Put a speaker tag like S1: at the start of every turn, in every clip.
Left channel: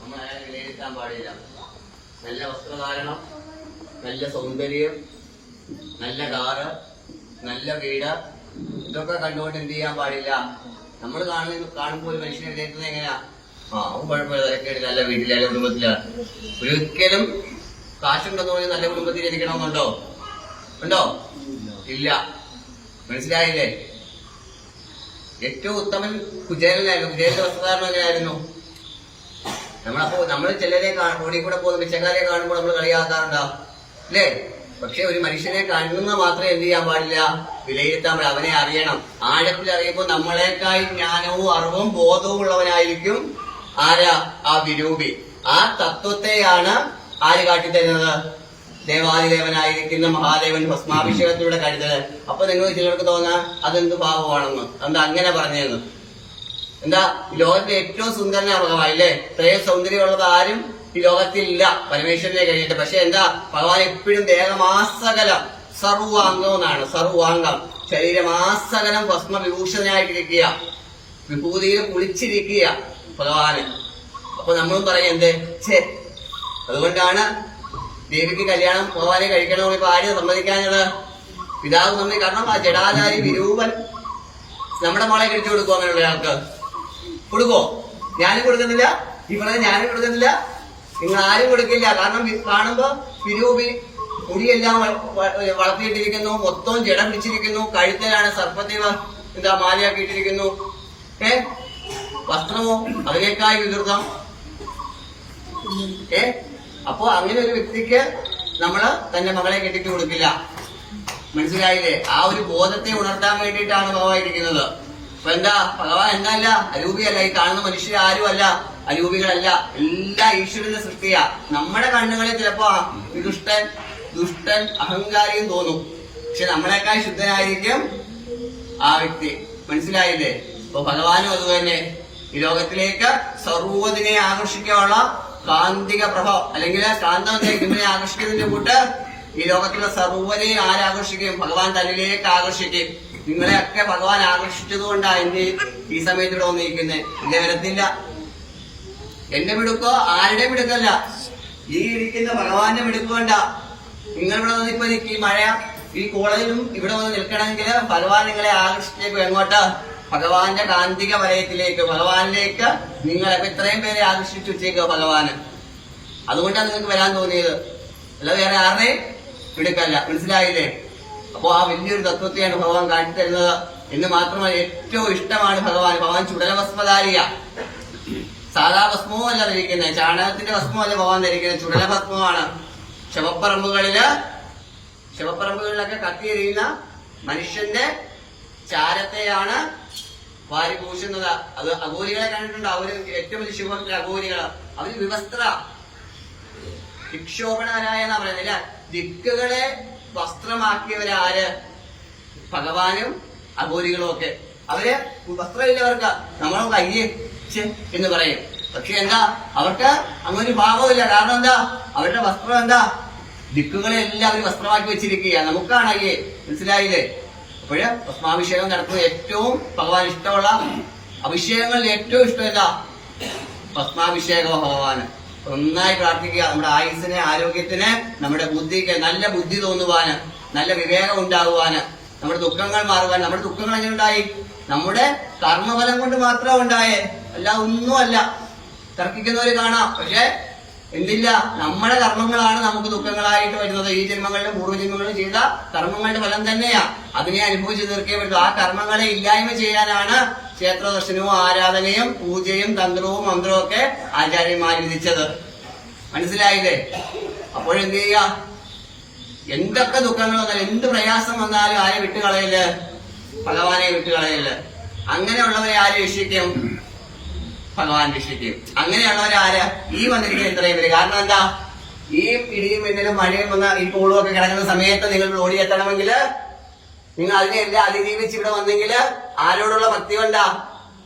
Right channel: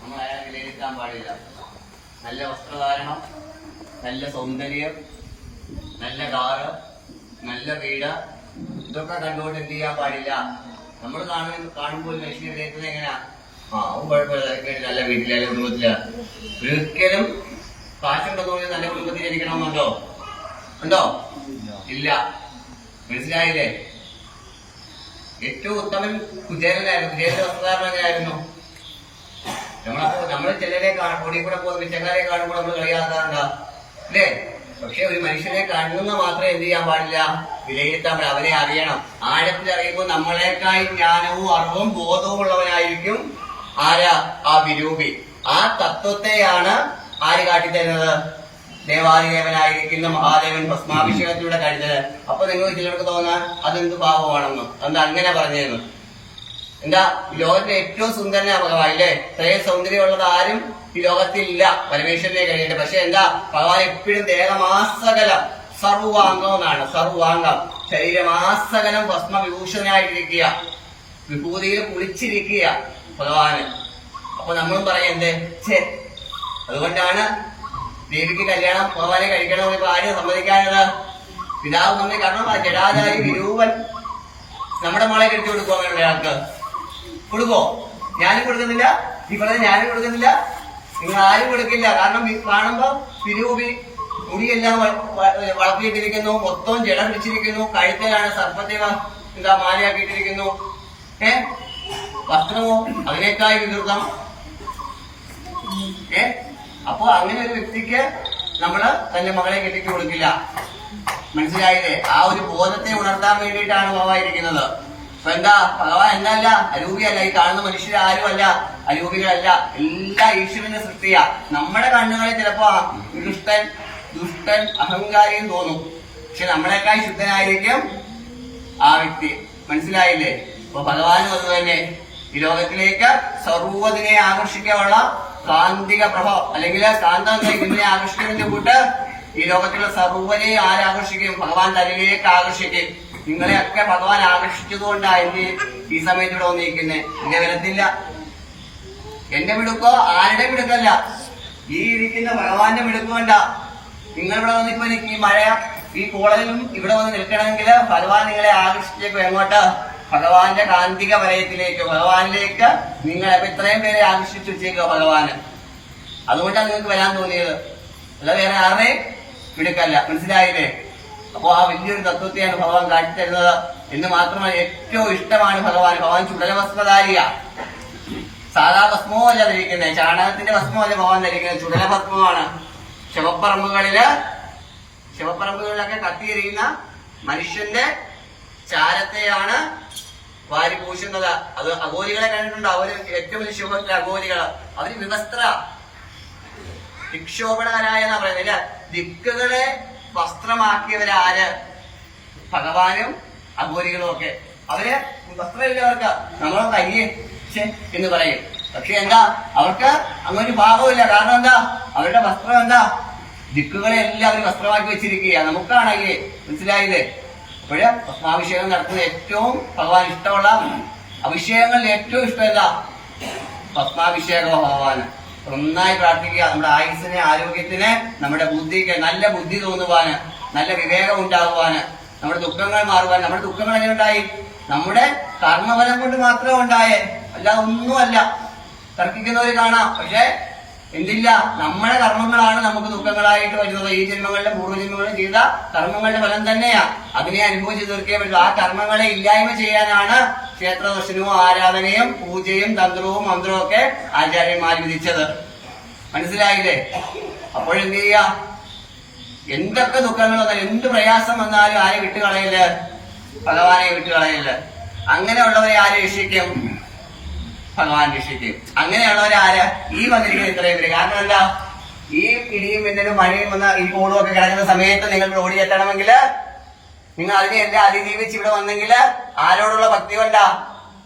S1: നമ്മൾ അയാളെ വിലയിരുത്താൻ പാടില്ല. നല്ല വസ്ത്രധാരണം നല്ല സൗന്ദര്യം നല്ല കാറ് നല്ല വീട് ഇതൊക്കെ കണ്ടുകൊണ്ട് എന്ത് ചെയ്യാൻ പാടില്ല. നമ്മൾ കാണുന്ന കാണുമ്പോൾ ഒരു മനുഷ്യനെ വിലയിരുത്തുന്നത് എങ്ങനെയാ? ആ അവൻ കുഴപ്പമില്ല തിരക്കേട് നല്ല വീട്ടിലെ കുടുംബത്തില. ഒരിക്കലും കാശുണ്ടെന്ന് പറഞ്ഞാൽ നല്ല കുടുംബത്തിൽ ജനിക്കണമെന്നുണ്ടോ? ഉണ്ടോ? ഇല്ല. മനസ്സിലായില്ലേ? ഏറ്റവും ഉത്തമൻ കുചേലനായിരുന്നു. കുചേലന്റെ വസ്ത്രധാരണം എങ്ങനെയായിരുന്നു? നമ്മളപ്പോ നമ്മൾ ചിലരെ റോഡിൽ കൂടെ പോകുന്ന പിച്ചക്കാരെ കാണുമ്പോൾ നമ്മൾ കളിയാക്കാറുണ്ടോ. അല്ലേ? പക്ഷെ ഒരു മനുഷ്യനെ കാണുന്ന മാത്രമേ എന്ത് ചെയ്യാൻ പാടില്ല? വിലയിരുത്താൻ പാടില്ല. അവനെ അറിയണം. ആഴത്തിൽ അറിയുമ്പോൾ നമ്മളെക്കായി ജ്ഞാനവും അറിവും ബോധവും ഉള്ളവനായിരിക്കും ആരാ? ആ വിരൂപി. ആ തത്വത്തെയാണ് ആര് കാട്ടിത്തരുന്നത്? ദേവാദിദേവനായിരിക്കുന്ന മഹാദേവൻ ഭസ്മാഭിഷേകത്തിലൂടെ കഴിഞ്ഞത് അപ്പൊ നിങ്ങൾ ചിലർക്ക് തോന്നാ അതെന്ത് പാപമാണെന്ന്. എന്താ അങ്ങനെ പറഞ്ഞതെന്ന് എന്താ ലോകത്തിലെ ഏറ്റവും സുന്ദരനായ ഭഗവാൻ ഇല്ലേ ഇത്രയും സൗന്ദര്യമുള്ളത് ആരും ഈ ലോകത്തിൽ ഇല്ല പരമേശ്വരനെ കഴിഞ്ഞിട്ട് പക്ഷെ എന്താ ഭഗവാൻ എപ്പോഴും ദേഹമാസകലം സർവാംഗം എന്നാണ്. സർവാംഗം. ശരീരമാസകലം ഭസ്മ വിഭൂഷണനായിട്ടിരിക്കുക വിഭൂതിയിൽ കുളിച്ചിരിക്കുക ഭഗവാന്. അപ്പൊ നമ്മളും പറയും എന്ത്? അതുകൊണ്ടാണ് ദേവിക്ക് കല്യാണം ഭഗവാനെ കഴിക്കണമെന്ന് ഇപ്പൊ ആരും സമ്മതിക്കാഞ്ഞത്. പിതാവ് നമ്മൾ കാരണം ആ ജഡാലായി വിരൂപൻ. നമ്മുടെ മോളെ കഴിച്ചു കൊടുക്കുക അങ്ങനെയുള്ള ആൾക്ക്? കൊടുക്കോ? ഞാനും കൊടുക്കുന്നില്ല. ഇവിടെ ഞാനും കൊടുക്കുന്നില്ല. നിങ്ങൾ ആരും കൊടുക്കില്ല. കാരണം കാണുമ്പോൾ കാണുമ്പോ പിരൂപി മുടിയെല്ലാം വളർത്തിയിട്ടിരിക്കുന്നു. മൊത്തം ജട പിടിച്ചിരിക്കുന്നു. കഴുത്തലാണ് സർപ്പത്തെ എന്താ മാലയാക്കിയിട്ടിരിക്കുന്നു. ഏ? വസ്ത്രമോ? അതിനേക്കായി വികൃതം. ഏ? അപ്പോ അങ്ങനെ ഒരു വ്യക്തിക്ക് നമ്മൾ തന്റെ മകളെ കെട്ടിച്ചു കൊടുക്കില്ല. മനസ്സിലായില്ലേ? ആ ഒരു ബോധത്തെ ഉണർത്താൻ വേണ്ടിയിട്ടാണ് ഭഗവാൻ ഇരിക്കുന്നത് അപ്പൊ എന്താ ഭഗവാൻ എന്നല്ല അരൂപിയല്ല ഈ കാണുന്ന മനുഷ്യർ ആരും അല്ല അരൂപികളല്ല. എല്ലാ ഈശ്വരന്റെ സൃഷ്ടിയാ. നമ്മുടെ കണ്ണുകളെ ചിലപ്പോ ദുഷ്ടൻ ദുഷ്ടൻ അഹങ്കാരിയും തോന്നും. പക്ഷെ നമ്മളെക്കാൾ ശുദ്ധനായിരിക്കും ആ വ്യക്തി. മനസ്സിലായില്ലേ? അപ്പൊ ഭഗവാനും അതുതന്നെ ഈ ലോകത്തിലേക്ക് സർവതിനെ ആകർഷിക്കാനുള്ള കാന്തിക പ്രഭവം അല്ലെങ്കിൽ കാന്തം ഇതിനെ ആകർഷിക്കുന്നതിന്റെ കൂട്ട് ഈ ലോകത്തിലെ സർവരെ ആരാകർഷിക്കും ഭഗവാൻ തന്നിലേക്ക് ആകർഷിക്കും നിങ്ങളെയൊക്കെ ഭഗവാൻ ആകർഷിച്ചതുകൊണ്ടാണ് എന്റെ ഈ സമയത്ത് ഇവിടെ വന്നിരിക്കുന്നത് ഇങ്ങനെ വരത്തില്ല. എന്റെ മിടുക്കോ ആരുടെ മിടുക്കല്ല ഈ ഇരിക്കുന്ന ഭഗവാന്റെ വിടുക്കണ്ട കൊണ്ട നിങ്ങൾ ഇവിടെ വന്നിപ്പോ എനിക്ക് ഈ മഴ ഈ കോളേജിലും ഇവിടെ വന്ന് നിൽക്കണമെങ്കിൽ ഭഗവാൻ നിങ്ങളെ ആകർഷിച്ചേക്കും. എങ്ങോട്ട്? ഭഗവാന്റെ കാന്തിക വലയത്തിലേക്ക് ഭഗവാനിലേക്ക് നിങ്ങൾ ഇത്രയും പേരെ ആകർഷിച്ചു വെച്ചേക്കുക ഭഗവാന്. അതുകൊണ്ടാണ് നിങ്ങൾക്ക് വരാൻ തോന്നിയത്. അല്ല വേറെ ആരുടെ മിടുക്കല്ല മനസ്സിലായില്ലേ? അപ്പോ ആ വലിയൊരു തത്വത്തെയാണ് ഭഗവാൻ കാട്ടിത്തരുന്നത് എന്ന് മാത്രമല്ല ഏറ്റവും ഇഷ്ടമാണ് ഭഗവാൻ. ഭഗവാൻ ചുടലഭസ്മധാരിയ സാധാ ഭസ്മോ അല്ല ധരിക്കുന്നത് ചാണകത്തിന്റെ ഭസ്മോ അല്ല ഭഗവാൻ ധരിക്കുന്നത്. ചുടലഭസ്മമാണ് ശവപ്പറമ്പുകളിൽ ശവപ്പറമ്പുകളിലൊക്കെ കത്തിയെറിയുന്ന മനുഷ്യന്റെ ചാരത്തെയാണ് വാരി പൂശുന്നത്. അത് അഘോരികളെ കണ്ടിട്ടുണ്ട്? അവർ ഏറ്റവും വലിയ ശുഭത്തിലെ അഘോരികൾ അവർ വിവസ്ത്ര ദിക്ഷോപണനായെന്നാ പറയുന്നത് ദിക്കുകളെ വസ്ത്രമാക്കിയവരാര്? ഭഗവാനും അഘോരികളും ഒക്കെ. അവർ വസ്ത്രമില്ലവർക്ക് നമ്മളെ കയ്യേ എന്ന് പറയും. പക്ഷെ എന്താ? അവർക്ക് അങ്ങനെ ഒരു ഭാഗമില്ല കാരണം എന്താ? അവരുടെ വസ്ത്രം എന്താ? ദിക്കുകളെ എല്ലാം അവർ വസ്ത്രമാക്കി വെച്ചിരിക്കുക നമുക്കാണ് അയ്യേ മനസ്സിലായില്ലേ? അപ്പോഴ് ഭസ്മാഭിഷേകം നടത്തുന്ന ഏറ്റവും ഭഗവാൻ ഇഷ്ടമുള്ള അഭിഷേകങ്ങളിൽ ഏറ്റവും ഇഷ്ടം എന്താ? ഭസ്മാഭിഷേകം നന്നായി പ്രാർത്ഥിക്കുക. നമ്മുടെ ആയുസിന് ആരോഗ്യത്തിന് നമ്മുടെ ബുദ്ധിക്ക് നല്ല ബുദ്ധി തോന്നുവാന് നല്ല വിവേകം ഉണ്ടാകുവാന് നമ്മുടെ ദുഃഖങ്ങൾ മാറുവാൻ നമ്മുടെ ദുഃഖങ്ങൾ എങ്ങനെ ഉണ്ടായി? നമ്മുടെ കർമ്മഫലം കൊണ്ട് മാത്രം ഉണ്ടായേ. അല്ല ഒന്നുമല്ല. തർക്കിക്കുന്നവര് കാണാം. പക്ഷേ എന്തില്ല? നമ്മുടെ കർമ്മങ്ങളാണ് നമുക്ക് ദുഃഖങ്ങളായിട്ട് വരുന്നത്. ഈ ജന്മങ്ങളിലും പൂർവജന്മങ്ങളിലും ചെയ്ത കർമ്മങ്ങളുടെ ഫലം തന്നെയാ. അതിനെ അനുഭവിച്ചു തീർക്കേ പറ്റൂ. ആ കർമ്മങ്ങളെ ഇല്ലായ്മ ചെയ്യാനാണ് ക്ഷേത്ര ദർശനവും ആരാധനയും പൂജയും തന്ത്രവും മന്ത്രവും ഒക്കെ ആചാര്യന്മാർ വിധിച്ചത്. മനസ്സിലായില്ലേ? അപ്പോഴെന്ത് ചെയ്യുക എന്തൊക്കെ ദുഃഖങ്ങൾ വന്നാലും എന്ത് പ്രയാസം വന്നാലും ആരെ വിട്ടുകളയില്ല ഭഗവാനെ വിട്ടുകളയില്ല അങ്ങനെയുള്ളവരെ ആര് രക്ഷിക്കും? ഭഗവാൻ രക്ഷിക്കും. അങ്ങനെയുള്ളവരെ ആര്? ഈ വന്നിരിക്കുന്ന ഇത്രയും പേര്. കാരണം എന്താ? ഈ ഇടിയും മിന്നലും മഴയും വന്ന ഈ പൂളും ഒക്കെ കിടക്കുന്ന സമയത്ത് നിങ്ങൾ ഓടിയെത്തണമെങ്കിൽ നിങ്ങൾ അതിനെ എന്നെ അതിജീവിച്ച് ഇവിടെ വന്നെങ്കിൽ ആരോടുള്ള ഭക്തി കൊണ്ട?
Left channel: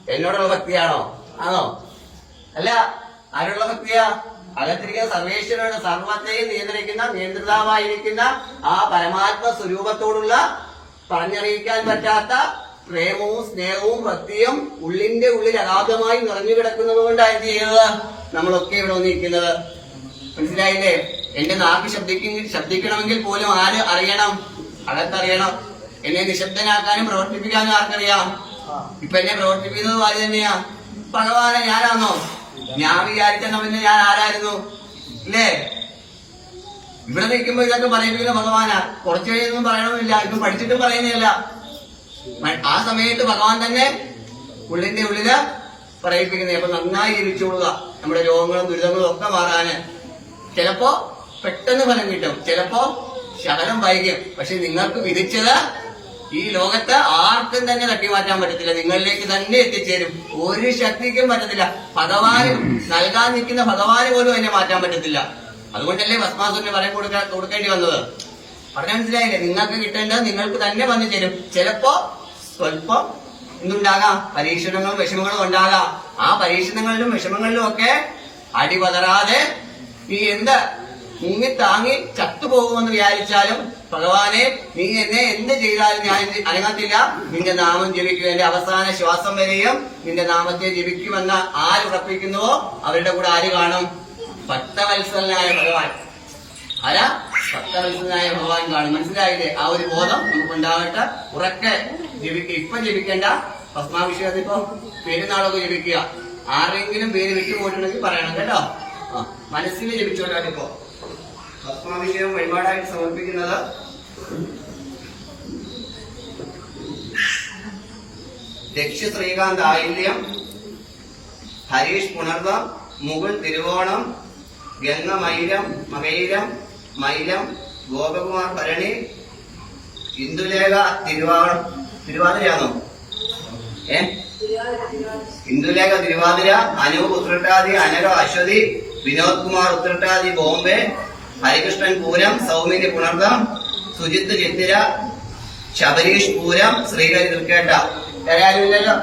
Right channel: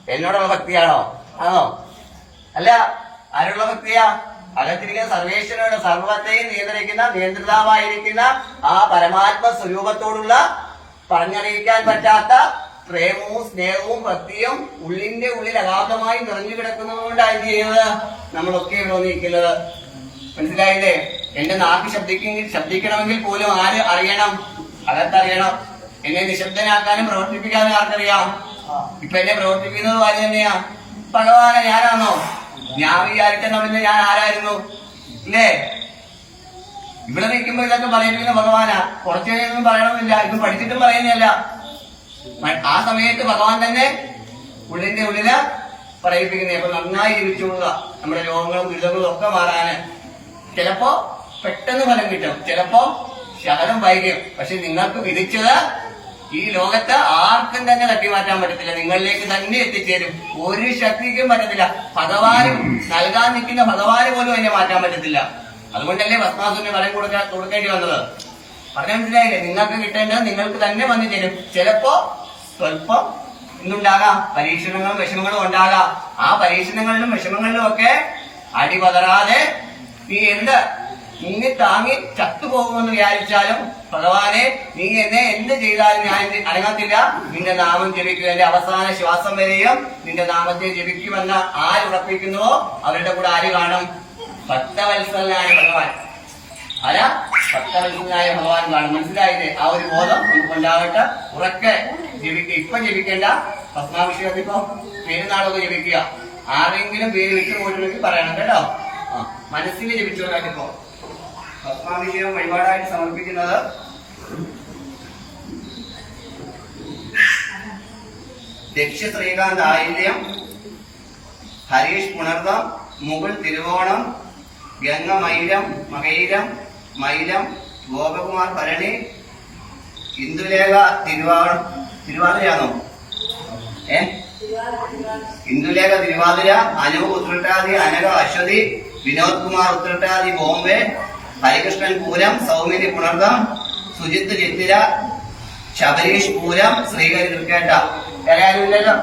S1: എന്നോടുള്ള ഭക്തിയാണോ? ആണോ? അല്ല ആരോടുള്ള ഭക്തിയാ? അകത്തിരിക്കുന്ന സർവേശ്വരോട് സർവത്തെയും നിയന്ത്രിക്കുന്ന നിയന്ത്രിതാവായിരിക്കുന്ന ആ പരമാത്മ സ്വരൂപത്തോടുള്ള പറഞ്ഞറിയിക്കാൻ പറ്റാത്ത പ്രേമവും സ്നേഹവും ഭക്തിയും ഉള്ളിന്റെ ഉള്ളിൽ അഗാധമായി നിറഞ്ഞു കിടക്കുന്നത് കൊണ്ടാണ് എന്ത് ചെയ്യുന്നത്? നമ്മളൊക്കെ ഇവിടെ വന്നിരിക്കുന്നത്. മനസ്സിലായില്ലേ? എന്റെ നാക്ക് ശബ്ദിക്ക ശബ്ദിക്കണമെങ്കിൽ പോലും ആര് അറിയണം? അകത്തറിയണം. എന്നെ നിശബ്ദനാക്കാനും പ്രവർത്തിപ്പിക്കാനും ആർക്കറിയാം? ഇപ്പൊ എന്നെ പ്രവർത്തിപ്പിക്കുന്നത് ആര് തന്നെയാ? ഭഗവാനെ ഞാനാണോ ഞാൻ വിചാരിക്കണമെന്ന് ഞാൻ ആരായിരുന്നു? ഇല്ലേ? ഇവിടെ നിൽക്കുമ്പോ ഇതൊക്കെ പറയിപ്പിക്കുന്ന ഭഗവാനാ. കുറച്ചു കഴിഞ്ഞൊന്നും പറയണമെന്നില്ല. ഇത് പഠിച്ചിട്ടും പറയുന്നില്ല. ആ സമയത്ത് ഭഗവാൻ തന്നെ ഉള്ളിന്റെ ഉള്ളിൽ പറയിപ്പിക്കുന്നത് അപ്പൊ നന്നായി ജീവിച്ചോളുക നമ്മുടെ രോഗങ്ങളും ദുരിതങ്ങളും ഒക്കെ മാറാന്. ചിലപ്പോ പെട്ടെന്ന് ഫലം കിട്ടും. ചിലപ്പോ ശകലം വൈകും പക്ഷെ നിങ്ങൾക്ക് വിധിച്ചത് ഈ ലോകത്ത് ആർക്കും തന്നെ തട്ടി മാറ്റാൻ പറ്റത്തില്ല. നിങ്ങളിലേക്ക് തന്നെ എത്തിച്ചേരും. ഒരു ശക്തിക്കും പറ്റത്തില്ല. ഭഗവാനും നൽകാൻ നിൽക്കുന്ന ഭഗവാന് പോലും എന്നെ മാറ്റാൻ പറ്റത്തില്ല. അതുകൊണ്ടല്ലേ ഭസ്മാസുരന് ഫലം കൊടുക്കാൻ കൊടുക്കേണ്ടി വന്നത്? പറഞ്ഞ മനസ്സിലായില്ലേ? നിങ്ങൾക്ക് കിട്ടേണ്ടത് നിങ്ങൾക്ക് തന്നെ വന്നു തരും ചിലപ്പോ സ്വല്പം എന്തുണ്ടാകാം പരീക്ഷണങ്ങളും വിഷമങ്ങളും ഉണ്ടാകാം. ആ പരീക്ഷണങ്ങളിലും വിഷമങ്ങളിലും ഒക്കെ അടിപതറാതെ നീ എന്ത് മുങ്ങി താങ്ങി ചത്തുപോകുമെന്ന് വിചാരിച്ചാലും ഭഗവാനെ നീ എന്നെ എന്ത് ചെയ്താലും ഞാൻ അനങ്ങത്തില്ല. നിന്റെ നാമം ജപിക്കുക എന്റെ അവസാന ശ്വാസം വരെയും നിന്റെ നാമത്തെ ജപിക്കുമെന്ന് ആരുറപ്പിക്കുന്നുവോ അവരുടെ കൂടെ ആര് കാണും? ഭക്തവത്സലനായ ഭഗവാൻ. ആരാ? ഭക്തവത്സലനായ ഭഗവാൻ കാണും. മനസ്സിലായില്ലേ? ആ ഒരു ബോധം നിങ്ങൾക്ക് ഉണ്ടാകട്ടെ ഉറക്കെ ജപിക്കുക ഇപ്പൊ ജപിക്കേണ്ട. ഭസ്മാഭിഷേകത്തിൽ ഇപ്പൊ പെരുന്നാളൊക്കെ ജപിക്കുക. ആരെങ്കിലും പേര് വിട്ടുപോയിട്ടുണ്ടെങ്കിൽ പറയണം കേട്ടോ. മനസ്സിൽ ജപിച്ചോട്ടെ ഭസ്മാഭിഷേകം വഴിപാടായിട്ട് സമർപ്പിക്കുന്നത്. ദക്ഷ ശ്രീകാന്ത് ആയില്യം ഹരീഷ് പുണർവ മുഗൾ തിരുവോണം ഗംഗ മൈലം മകൈലം മൈലം ഗോപകുമാർ ഭരണി ഇന്ദുലേഖ തിരുവാ തിരുവാതിരയാണോ? ഏ? ഇന്ദുലേഖ തിരുവാതിര അനു ഉത്രട്ടാതി അനരോ അശ്വതി വിനോദ് കുമാർ ഉത്രട്ടാതി ബോംബെ ഹരികൃഷ്ണൻ പൂരം സൗമിനി പുണർദം സുജിത്ത് ചിത്തിര ശബരീഷ് പൂരം ശ്രീഹരി തൃക്കേട്ട എല്ലാവരും ഇല്ലല്ലോ?